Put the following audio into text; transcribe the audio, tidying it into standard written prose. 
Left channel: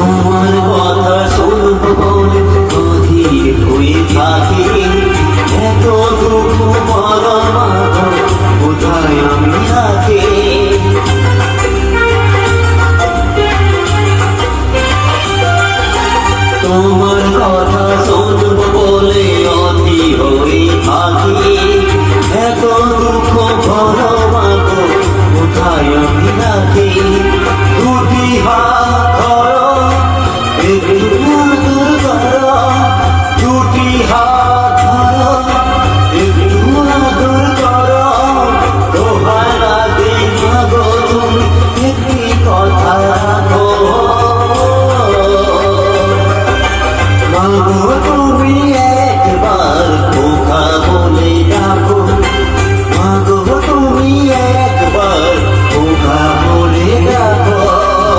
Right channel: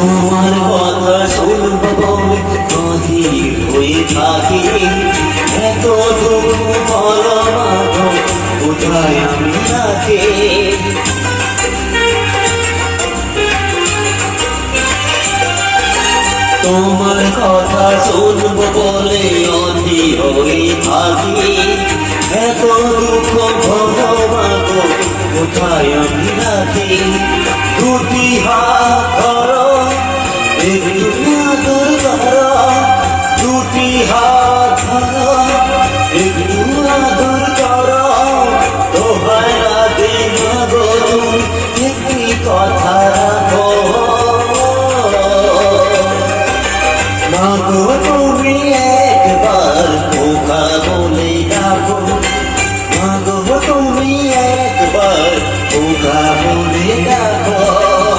তোমার কথা শুনব বলে অধীর হয়ে থাকি, এত দুঃখ বলো মা গো, কোথায় আমি আছি। তোমার কথা শুনব বলে অধীর হয়ে থাকি, এত দুঃখ বলো মা গো, কোথায় আমি আছি। দুটি হাত ধরো, একটু আদর করো, দুটি হাত ধরো, একটু আদর করো, দোহাই লাগে মা গো তুমি একটি কথা রাখো। মা গো তুমি একবার খোকা